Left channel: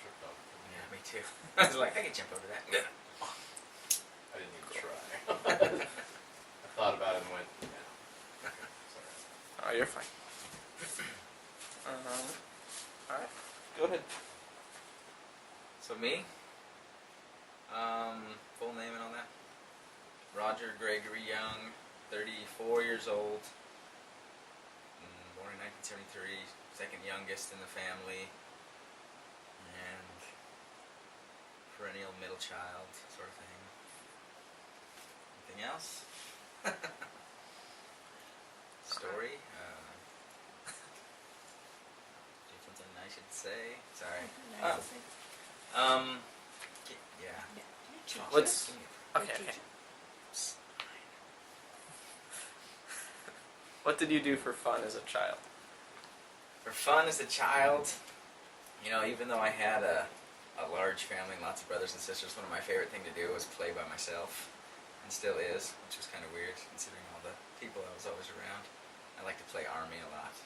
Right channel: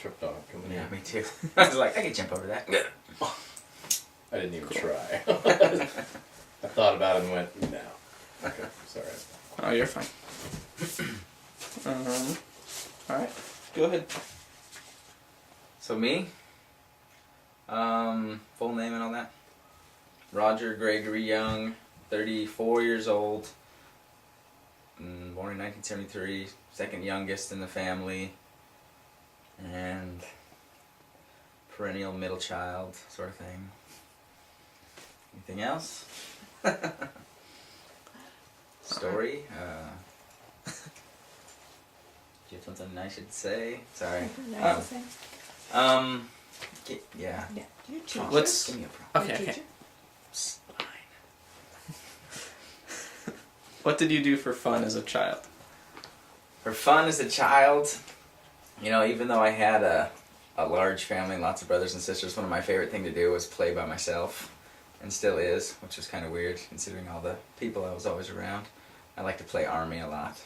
tripped on it. Yeah, me too. I was like, I can jump over that. I didn't even try. I thought about it and went, no. Okay, sorry. Oh, you're fine. Alright, go ahead. So me, full name and all that. Roger Gregory Young, 34 years old, born in 1973, second youngest in the family, and perennial middle child sort of thing. Anything else? Story? Do you have something nice to say? Sorry. Nice to say. Yeah. Yeah. You're a teacher. Let's- Give me a problem. You're a Okay, okay. teacher. What did you do for fun as a child? For fun as a child, you know, even though I had a large family and lots of brothers and sisters, one of my favorite things to do was play by myself, and still is, which was kind of weird considering all the people I was always around. I like to play Army a lot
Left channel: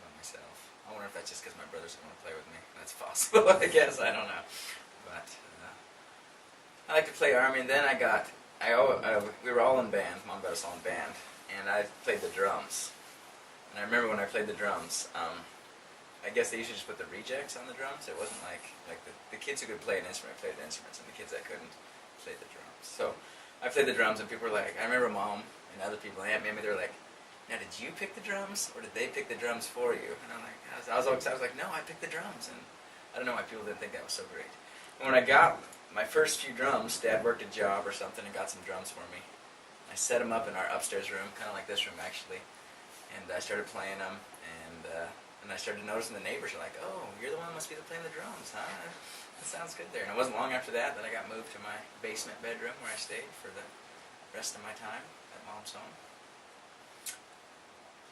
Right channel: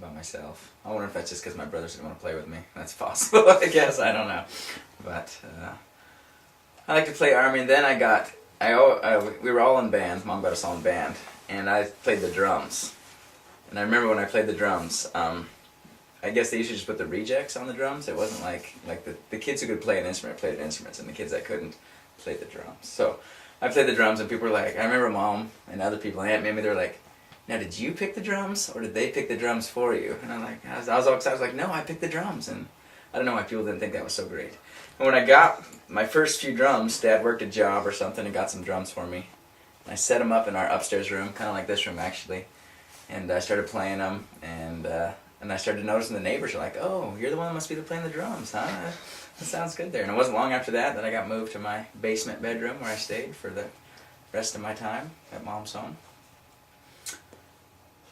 by myself. I wonder if that's just because my brothers didn't want to play with me. That's possible, I guess. I don't know. But I like to play Army, and then we were all in band. Mom got us all in band, and I played the drums. And I remember when I played the drums, I guess they used to just put the rejects on the drums. It wasn't like the kids who could play an instrument played instruments, and the kids that couldn't played the drums. So I played the drums, and people were like, I remember Mom and other people, and Aunt Mimi, they were like, now did you pick the drums, or did they pick the drums for you? And I was all excited. I was like, no, I picked the drums, and I don't know why people didn't think that was so great. And when I got my first few drums, Dad worked a job or something and got some drums for me. And I set them up in our upstairs room, kind of like this room actually. And I started playing them, and I started noticing the neighbors were like, oh, you're the one that must be playing the drums, huh? That sounds good there. And it wasn't long after that I got moved to my basement bedroom where I stayed for the rest of my time at Mom's home. So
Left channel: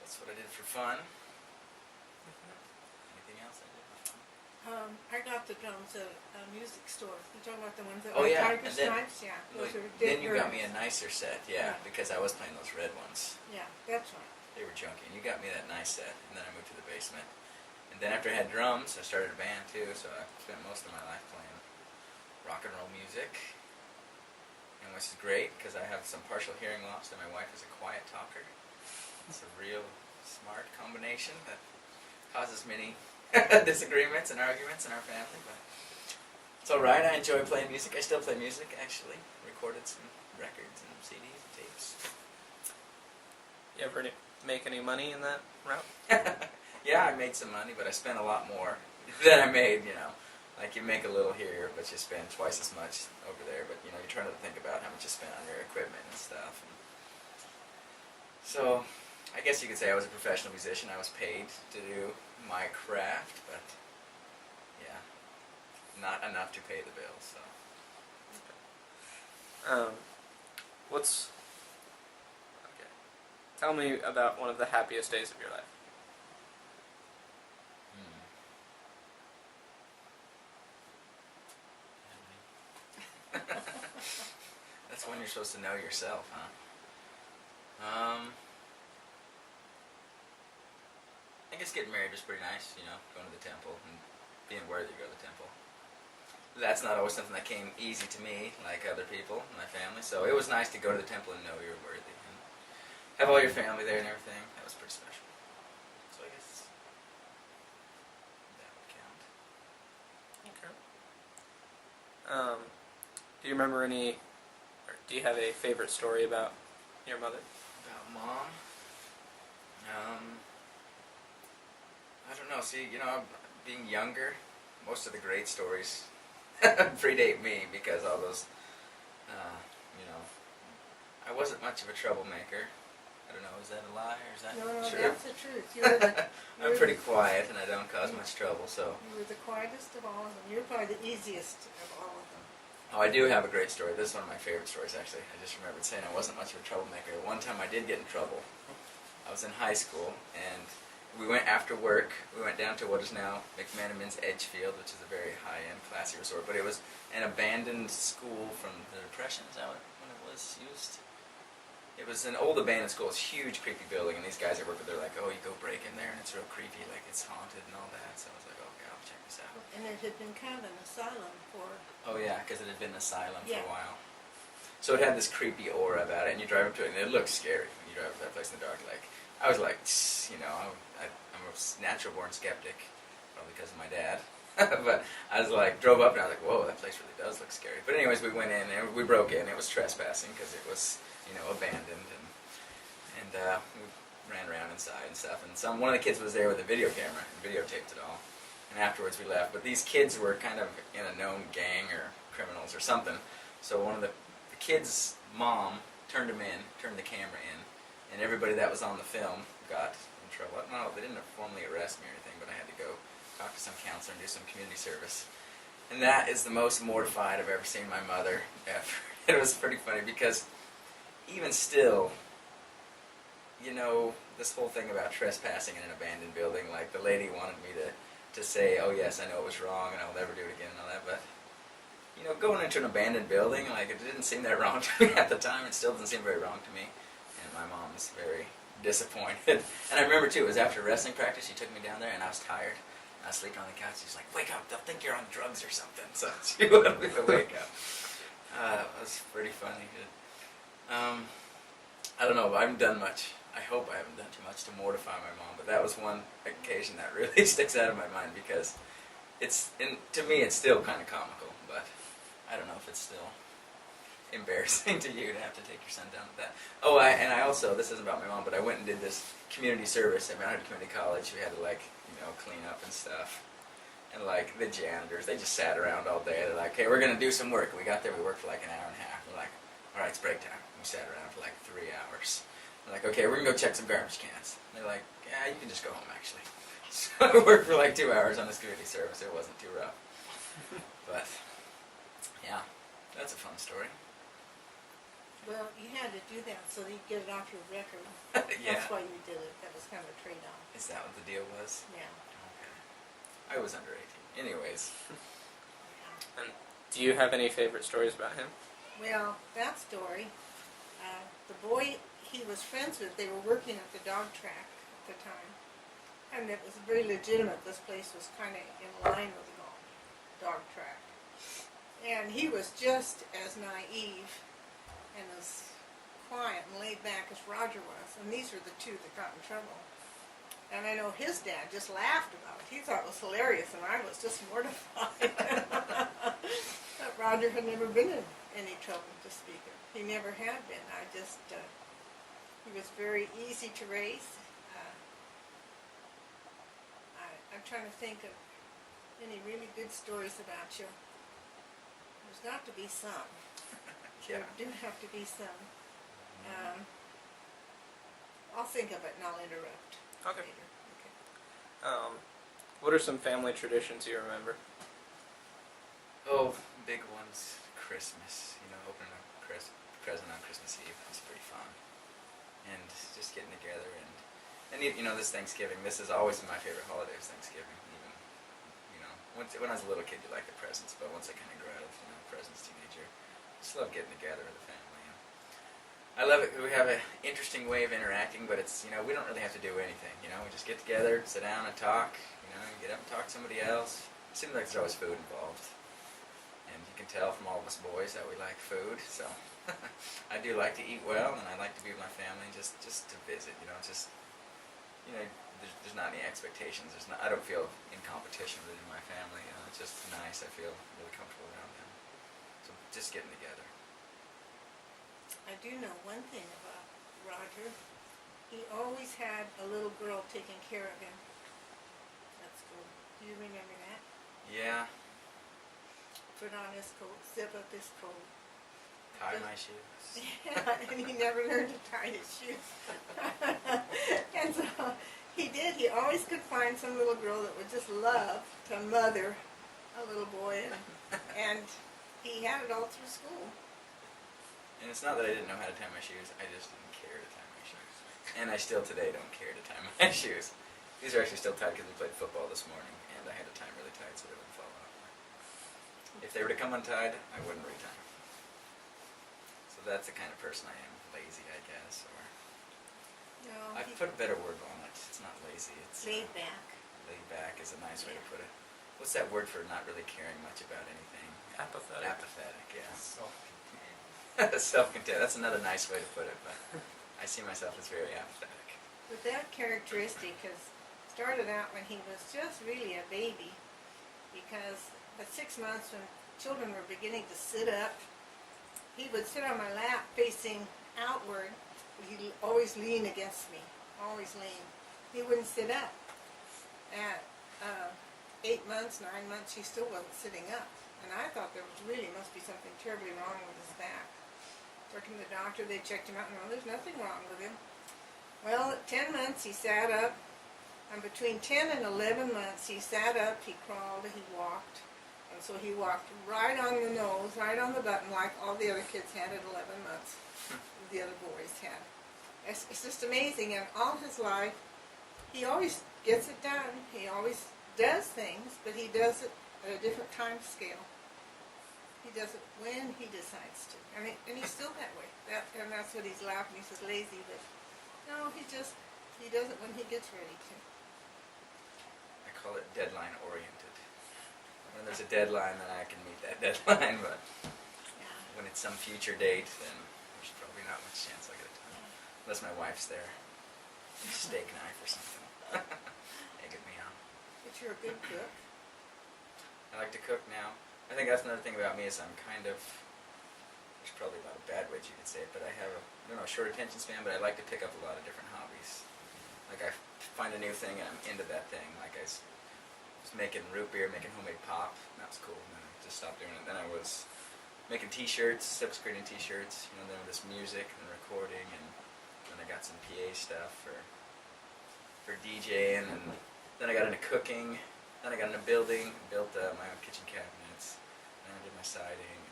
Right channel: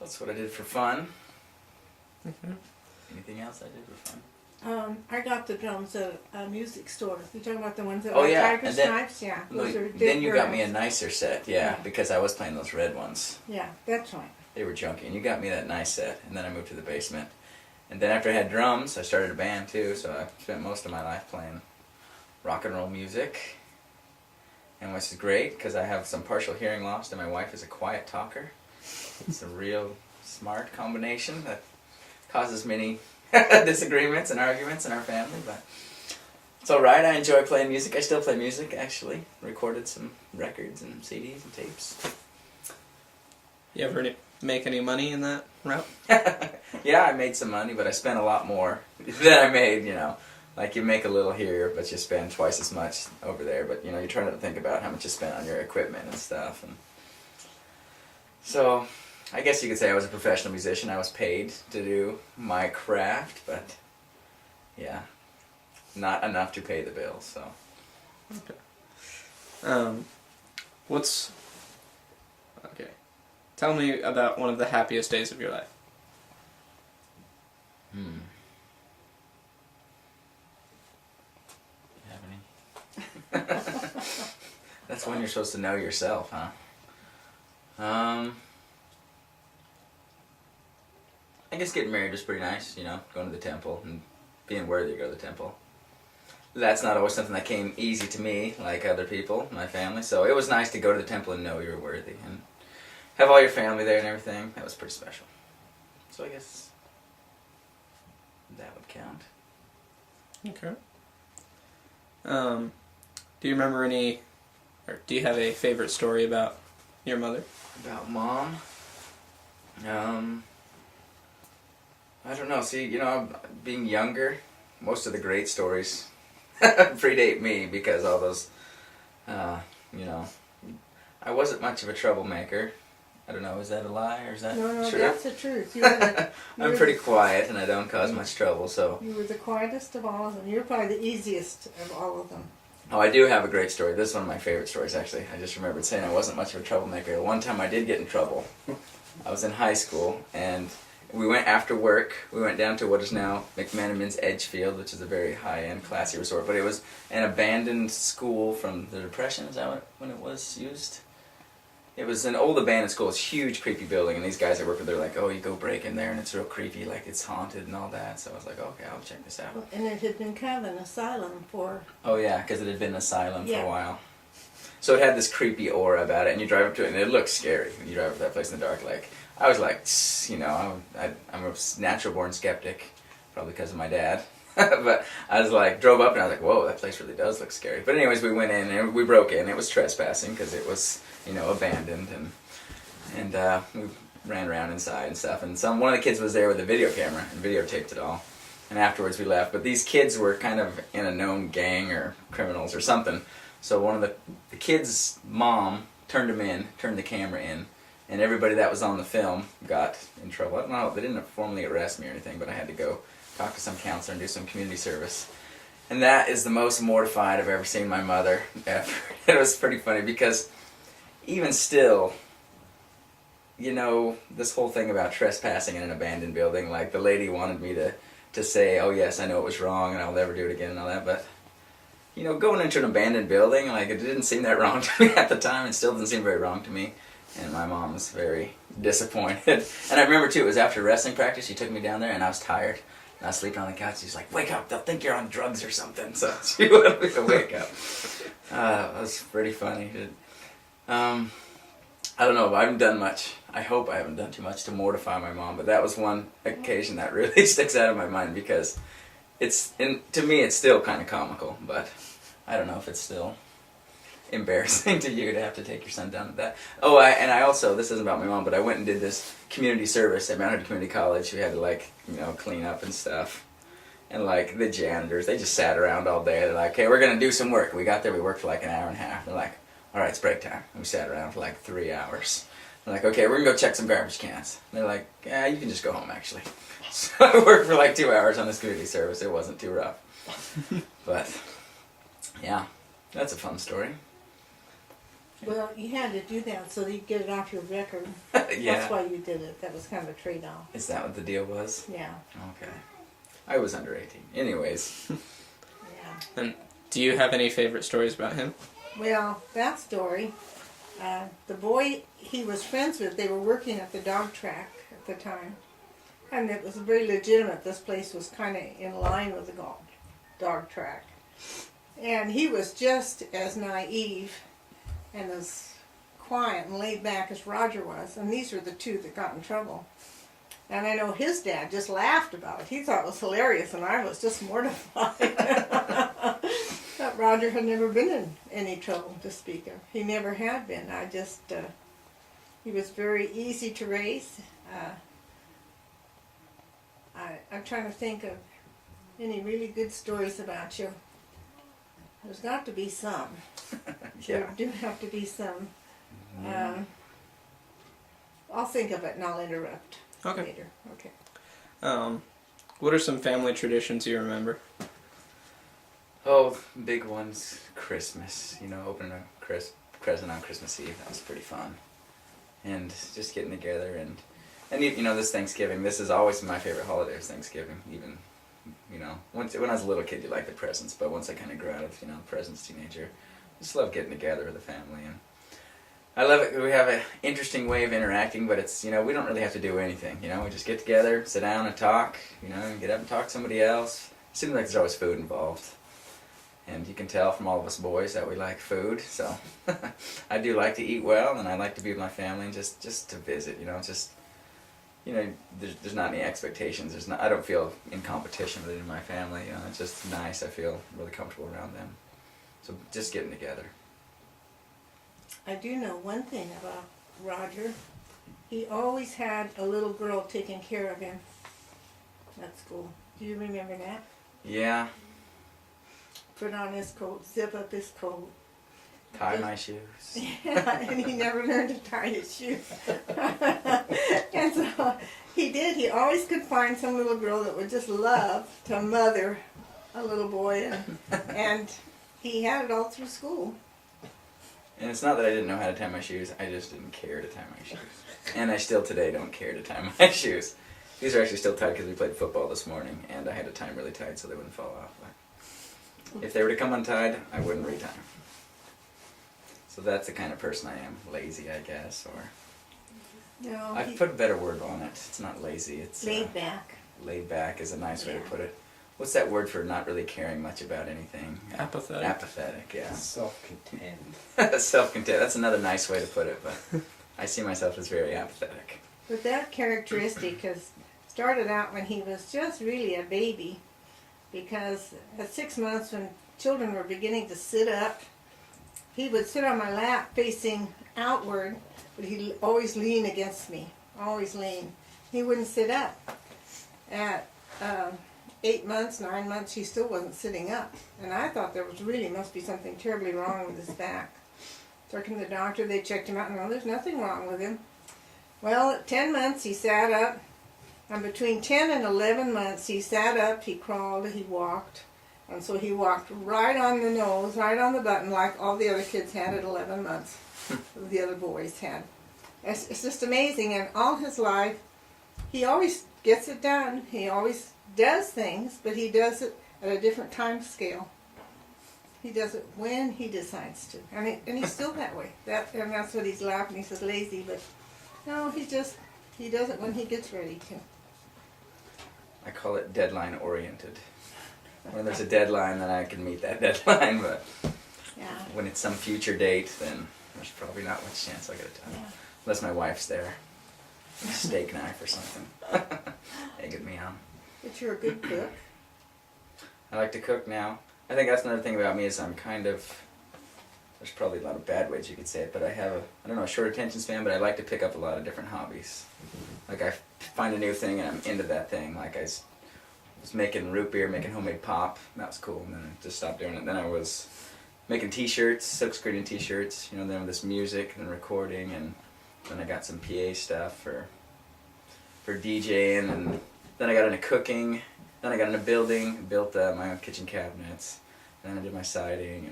that's what I did for fun. Anything else I did for fun? I got the drums at a music store. You're talking about the ones that Oh, were yeah, Tiger and then- Stripes? Yeah. Those are Then you got me a girls. nicer set, Yeah. because I was playing those red ones. Yeah, that's right. They were junky, and you got me that nice set, and then I moved to the basement. And then after I had drums, I started a band too, so I spent most of my life playing rock and roll music, and which is great, because I have some partial hearing loss, and my wife is a quiet talker. It's a real smart combination that causes many disagreements and arguments in our family, but it's alright. I enjoy playing music. I still play music, actually. Recorded some records and CDs and tapes. You ever make any money in that route? Yeah, I made some money, but I spent a lot more than I made, you know. Like, you make a little here, but you spend twice as much over there. But, you know, you try not to think about how much you spent on your equipment and stuff. And so, I guess you could say I was a professional musician. I was paid to do my craft, but, yeah, not enough to pay the bills, so. What's... Okay. Tell me about one of the happiest days of your life. You have any? That's when you're supposed to know yourself, huh? I guess getting married was pretty nice, you know, going to the temple and being worthy to go to the temple. That's not always something that came easy to me, like other people, my family, so it was nice to go to the temple and know you're worthy and have all your family there and everything. That was pretty special. So I guess that would count. Okay. Do you remember any, or do you have a favorite story about your mother? About Mom? I don't know. See, you know, being younger, most of the great stories predate me because all those, you know, I wasn't much of a troublemaker. I don't know, is that a lie or is that No, true? that's the truth. You were the, I'm pretty quiet and I don't cause much trouble, so. You were the quietest of all of them. You're probably the easiest of all of them. Oh, I do have a great story. This is one of my favorite stories, actually. I just remembered saying I wasn't much of a troublemaker. One time I did get in trouble. I was in high school, and we went after work. We went down to what is now McManaman's Edgefield, which is a very high-end, classy resort. But it was an abandoned school from the Depression. Is that when it was used? It was an old abandoned school. It's a huge, creepy building, and these guys I work with, they're like, "Oh, you go break in there, and it's real creepy, like it's haunted and all that." So I was like, "Okay, I'll check this out." And it had been kind of an asylum for. Oh yeah, because it had been an asylum for Yeah. a while. So it had this creepy aura about it, and you drive up to it, and it looks scary when you drive up to that place in the dark. Like I was like, you know, I'm a natural born skeptic, probably because of my dad. But I was like, drove up, and I was like, "Whoa, that place really does look scary." But anyways, we went in and we broke in. It was trespassing because it was, you know, abandoned, and we ran around inside and stuff. And one of the kids was there with a video camera and videotaped it all. And afterwards we left. But these kids were kind of in a known gang or criminals or something. So one of the kids' mom turned the camera in, and everybody that was on the film got in trouble. I don't know, they didn't formally arrest me or anything, but I had to go talk to some counselor and do some community service. And that is the most mortified I've ever seen my mother ever. It was pretty funny because even still, you know, this whole thing about trespassing in an abandoned building, like the lady wanted me to say, "Oh yes, I know it was wrong and I'll never do it again," and all that, but you know, going into an abandoned building, like, it didn't seem that wrong to me at the time. It still doesn't seem very wrong to me. And my mom was very disappointed. And I remember, too, it was after wrestling practice. She took me down there, and I was tired. And I was sleeping on the couch. She's like, "Wake up. They'll think you're on drugs or something." So she wanted me to wake up. It was pretty funny. I don't know. I haven't done much. I hope I haven't done too much to mortify my mom. But that was one occasion that really sticks out of my mind because to me, it's still kind of comical, but I don't know if it's still embarrassing to you to have to take your son down to that. Oh, I also, this isn't about my mom, but I went and did this community service at Mount Hood Community College. We had to, like, you know, clean up and stuff. And, like, the janitors, they just sat around all day. They're like, "Hey, we're going to do some work." We got there, we worked for like an hour and a half. They're like, "All right, it's break time." And we sat around for like 3 hours. They're like, "Okay, we're going to go check some garbage cans." And they're like, "Yeah, you can just go home, actually." So I worked for like 2 hours on this community service. It wasn't too rough. But, yeah, that's a fun story. Well, you had to do that so that you get it off your record. Yeah. That's why you did it. That was kind of a trade-off. Is that what the deal was? Yeah. Okay. I was under 18. Anyways. Yeah. And do you have any favorite stories about him? Well, that story, the boy he was friends with, they were working at the dog track at the time. And it was very legitimate. This place was kind of in line with the dog track. And he was just as naive and as quiet and laid back as Roger was. And these were the two that got in trouble. And I know his dad just laughed about it. He thought it was hilarious, and I was just mortified. That Roger had never been in any trouble to speak of. He never had been. He was very easy to raise. I'm trying to think of any really good stories about you. There's got to be some. Yeah. There do have to be some. I'll think of it and I'll interrupt later. Okay. What are some family traditions you remember? Oh, big ones. Christmas. You know, opening a present on Christmas Eve. That was pretty fun. And just getting together and you know, this Thanksgiving. This is always my favorite holiday. Is Thanksgiving. Even, you know, when I was a little kid, you like the presents, but once I kind of grew out of, you know, presents, teenager, I just love getting together with the family. And I love it. We have an interesting way of interacting, but it's, you know, we don't really have to do anything. You know, we just get together, sit down and talk. You know, and get up and talk to somebody else. It seems like there's always food involved. And you can tell from all of us boys that we like food, so I do like to eat well, and I like to be with my family and just to visit, you know, just, you know, there's not any expectations. I don't feel in competition with any of my family, you know, it's just nice. I feel really comfortable around them. So just getting together. I do know one thing about Roger. He always had a little girl taking care of him at school. Do you remember that? Yeah. Put on his coat, zip up his coat. Tie my shoes. Yeah, and he never learned to tie his shoes. And so he did. He always could find some little girl that would just love to mother a little boy, and he had it all through school. And it's not that I didn't know how to tie my shoes, I just didn't care to tie my shoes. And I still today don't care to tie my shoes. These are actually still tied because we played football this morning, and I had to tie them really tight so they wouldn't fall off. If they were to come untied, I wouldn't retie them. So that's the kind of person I am. Lazy, I guess, or No, I've put a better word on it. It's not lazy. It's laid back. laid back is a nice way to Yeah. put it. What's that word for not really caring much about anything? Apathetic. Apathetic, yeah. Self-contained. Self-content. That's another nice way to put it, but I see myself as very apathetic. But that characteristic has started out when he was just really a baby, because at 6 months, when children were beginning to sit up, he would sit on my lap facing outward, but he'd always lean against me, always lean. He wouldn't sit up. At 8 months, 9 months, he still wasn't sitting up, and I thought there was really must be something terribly wrong with his back. Took him to the doctor. They checked him out, and well, there's nothing wrong with him. Well, at 10 months, he sat up. And between 10 and 11 months, he sat up, he crawled, he walked. And so he walked right on the nose, right on the button, like all the other kids had at 11 months. The other boys had. It's just amazing. And all his life, he always gets it done. He always does things, but he does it at a different time scale. He does it when he decides to. And he's still that way. And that's what he's laughing. He says lazy, but no, he does it when he gets ready to. I call it deadline oriented. When there's a deadline, then I can meet that deadline, but Yeah. when it's some future date, then there's probably not much chance I'll get it done. Yeah. Unless my wife's there. A steak knife or something. Egging me on. But you're a good cook. I like to cook now. I think that's another thing about me is I'm kind of, there's probably a lot of bad ways you could say it, but I have a short attention span, but I like to pick up a lot of different hobbies. Like I find a new thing and I'm into that thing. Like I was making root beer, making homemade pop. That was cool. And then I just stopped doing it. Then I was making t-shirts, silk screening t-shirts, then with this music and recording, and then I got some PA stuff for DJing, and then I got into cooking, then I got into building, built my own kitchen cabinets, then I did my siding,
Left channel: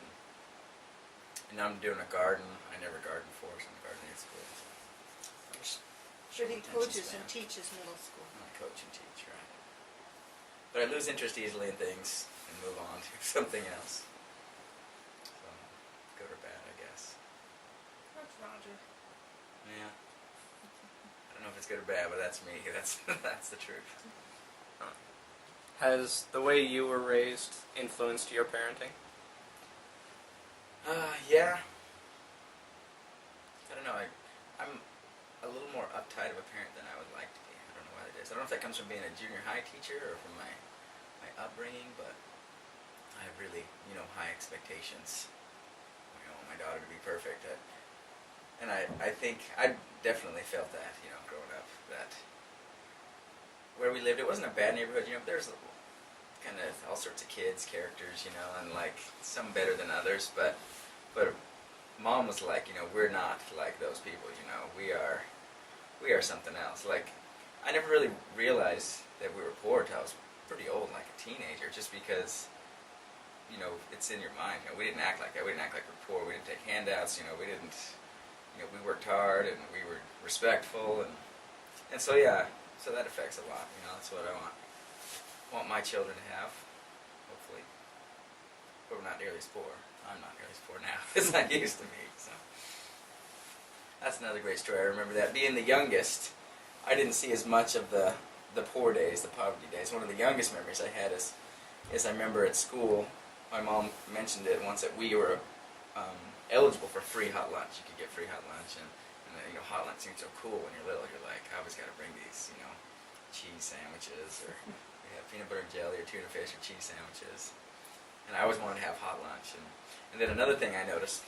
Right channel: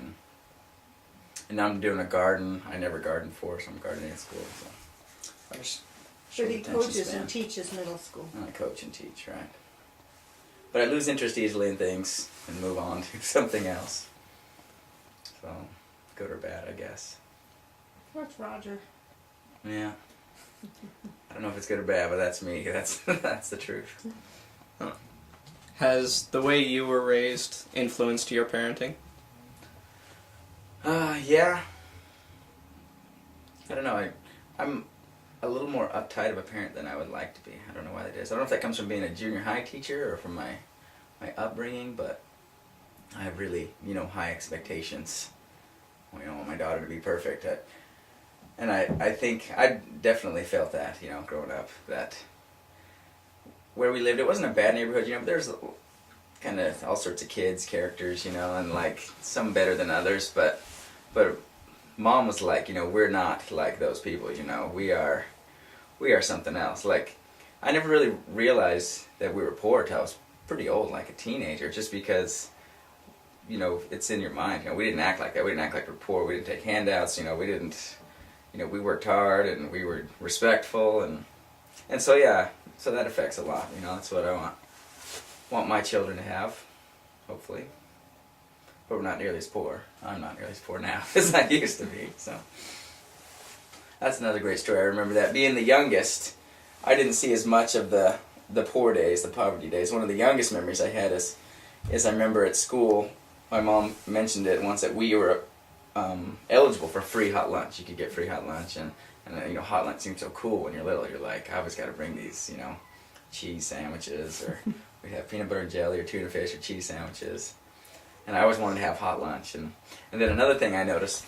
and now I'm doing a garden. I never gardened before, so I'm gardening at school. So I just But he attention coaches span. and teaches middle school. I coach and teach, right? But I lose interest easily in things and move on to something else. So, good or bad, I guess. That's Roger. Yeah. I don't know if it's good or bad, but that's me. That's the truth. Has the way you were raised influenced your parenting? Yeah. I don't know. I'm a little more uptight of a parent than I would like to be. I don't know why that is. I don't know if that comes from being a junior high teacher or from my upbringing, but I have really, high expectations. I want my daughter to be perfect. And I think I definitely felt that, growing up, that where we lived, it wasn't a bad neighborhood, but there's kind of all sorts of kids, characters, and like some better than others, but Mom was like, we're not like those people, we are something else. Like, I never really realized that we were poor till I was pretty old, like a teenager, just because, it's in your mind. We didn't act like that. We didn't act like we're poor. We didn't take handouts. We didn't, we worked hard and we were respectful, and so yeah, so that affects a lot. That's what I want my children to have, hopefully. But we're not nearly as poor. I'm not nearly as poor now as I used to be. So that's another great story. I remember that being the youngest, I didn't see as much of the poor days, the poverty days. One of the youngest memories I had is I remember at school, my mom mentioned it once that we were eligible for free hot lunch. You could get free hot lunch, and hot lunch seems so cool when you're little. You're like, I always got to bring these, cheese sandwiches, or we'd have peanut butter and jelly, or tuna fish, or cheese sandwiches. And I always wanted to have hot lunch. And then another thing I noticed,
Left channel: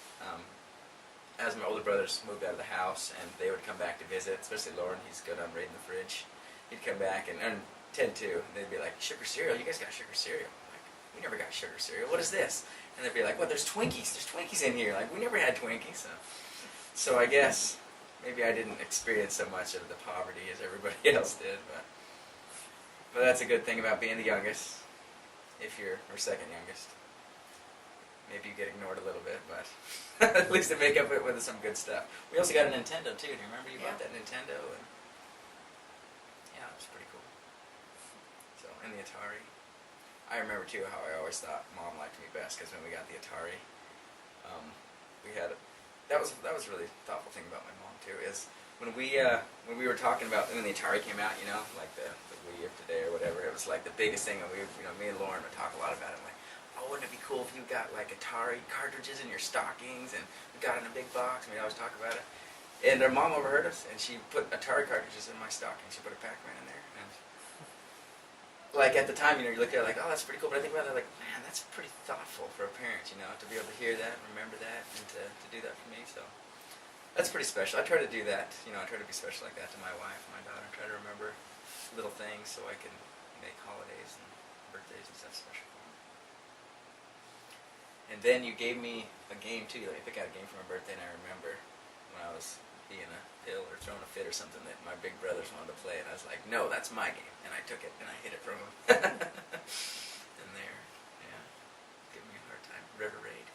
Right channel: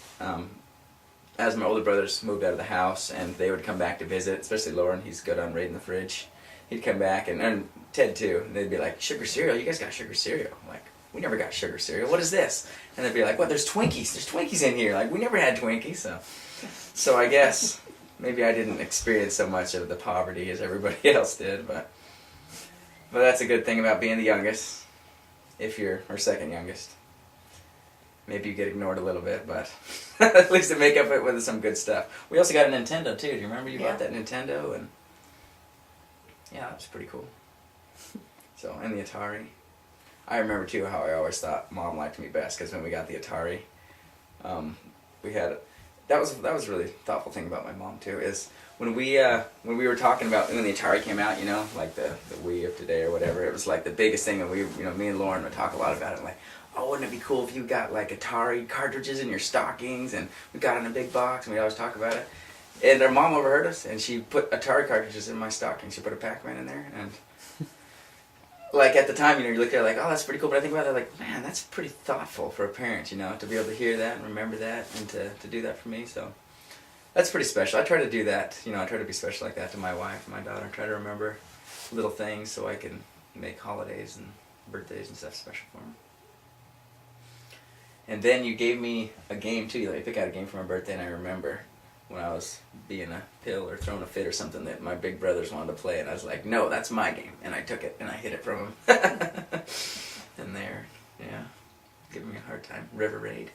as my older brothers moved out of the house and they would come back to visit, especially Lauren, he's good on raiding the fridge. He'd come back, and Ted too, and they'd be like, sugar cereal? You guys got sugar cereal? I'm like, we never got sugar cereal. What is this? And they'd be like, what, there's Twinkies. There's Twinkies in here. Like, we never had Twinkies. So I guess maybe I didn't experience so much of the poverty as everybody else did, but that's a good thing about being the youngest. If you're our second youngest, maybe you get ignored a little bit, but at least to make up it with some good stuff. We also got a Nintendo too. Do you remember you bought that Nintendo? And yeah, that was pretty cool. So, and the Atari. I remember too how I always thought Mom liked me best, because when we got the Atari, we had that was a really thoughtful thing about my mom too. Is when we were talking about when the Atari came out, you know, like the Wii of today or whatever, it was like the biggest thing, and we, you know, me and Lauren would talk a lot about it. Like, oh, wouldn't it be cool if you got like Atari cartridges in your stockings, and we got it in a big box, and we always talk about it. And our mom overheard us, and she put Atari cartridges in my stocking. She put a Pac-Man in there, and like at the time, you know, you look at it like, oh, that's pretty cool. But I think about it like, man, that's pretty thoughtful for a parent, you know, to be able to hear that and remember that, and to do that for me. So that's pretty special. I try to do that, you know. I try to be special like that to my wife and my daughter. I try to remember little things so I can make holidays and birthdays and stuff special for them. And then you gave me a game too. You let me pick out a game for my birthday, and I remember when I was being a pill or throwing a fit or something that my big brothers wanted to play, and I was like, no, that's my game, and I took it and I hid it from them. And there, yeah, giving me a hard time. River Raid.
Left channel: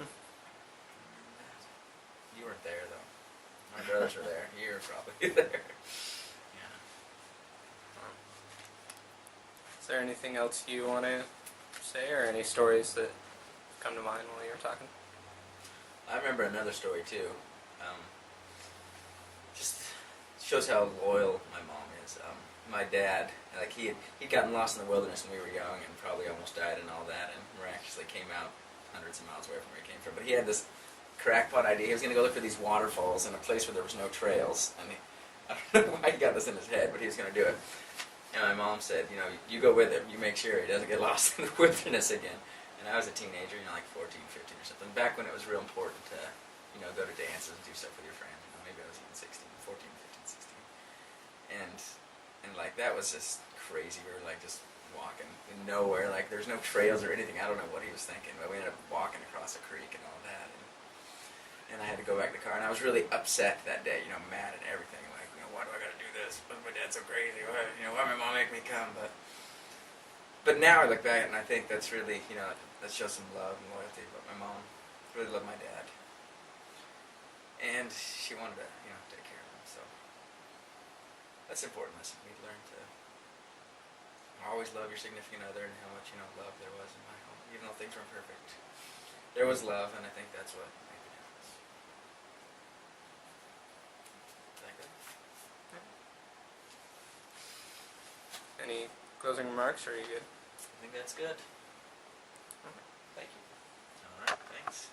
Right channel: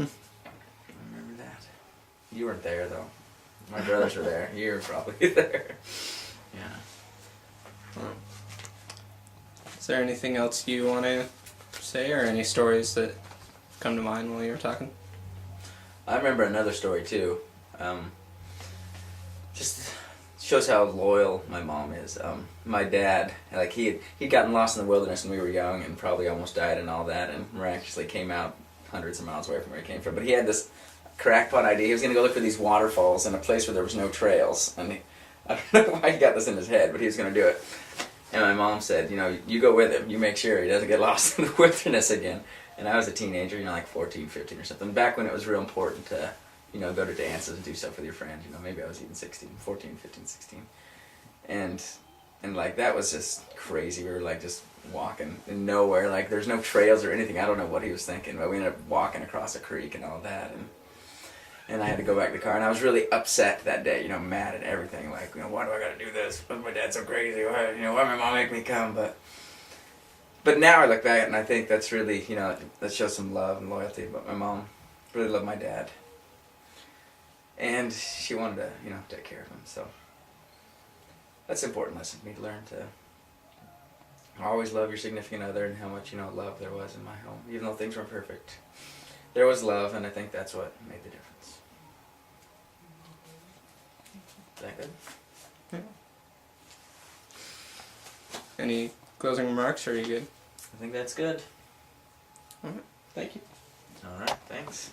I remember that. You weren't there though. My brothers were there. You were probably there. Yeah. Is there anything else you want to say, or any stories that come to mind while you were talking? I remember another story too. Just shows how loyal my mom is. My dad, like he'd gotten lost in the wilderness when we were young and probably almost died and all that, and miraculously came out hundreds of miles away from where he came from. But he had this crackpot idea. He was going to go look for these waterfalls in a place where there was no trails, and I don't know why he got this in his head, but he was going to do it. And my mom said, you know, you go with him. You make sure he doesn't get lost in the wilderness again. And I was a teenager, you know, like 14, 15 or something. Back when it was real important to, you know, go to dances and do stuff with your friends. You know, maybe I was even 16, 14, 15, 16. And like, that was just crazy. We were like just walking in nowhere. Like, there's no trails or anything. I don't know what he was thinking, but we ended up walking across a creek and all that. And I had to go back to the car. And I was really upset that day, you know, mad at everything. Like, you know, why do I got to do this? Why my dad's so crazy? Why, you know, why my mom make me come? But now I look back and I think that's really, you know, that shows some love and loyalty. But my mom really loved my dad. And she wanted to, you know, take care of him. So that's an important lesson for me to learn, to always love your significant other, and how much, you know, love there was in my home. Even though things weren't perfect, there was love, and I think that's what made the difference. Is that good? Yeah. Any closing remarks, or are you good? I think that's good. Thank you. All right, thanks.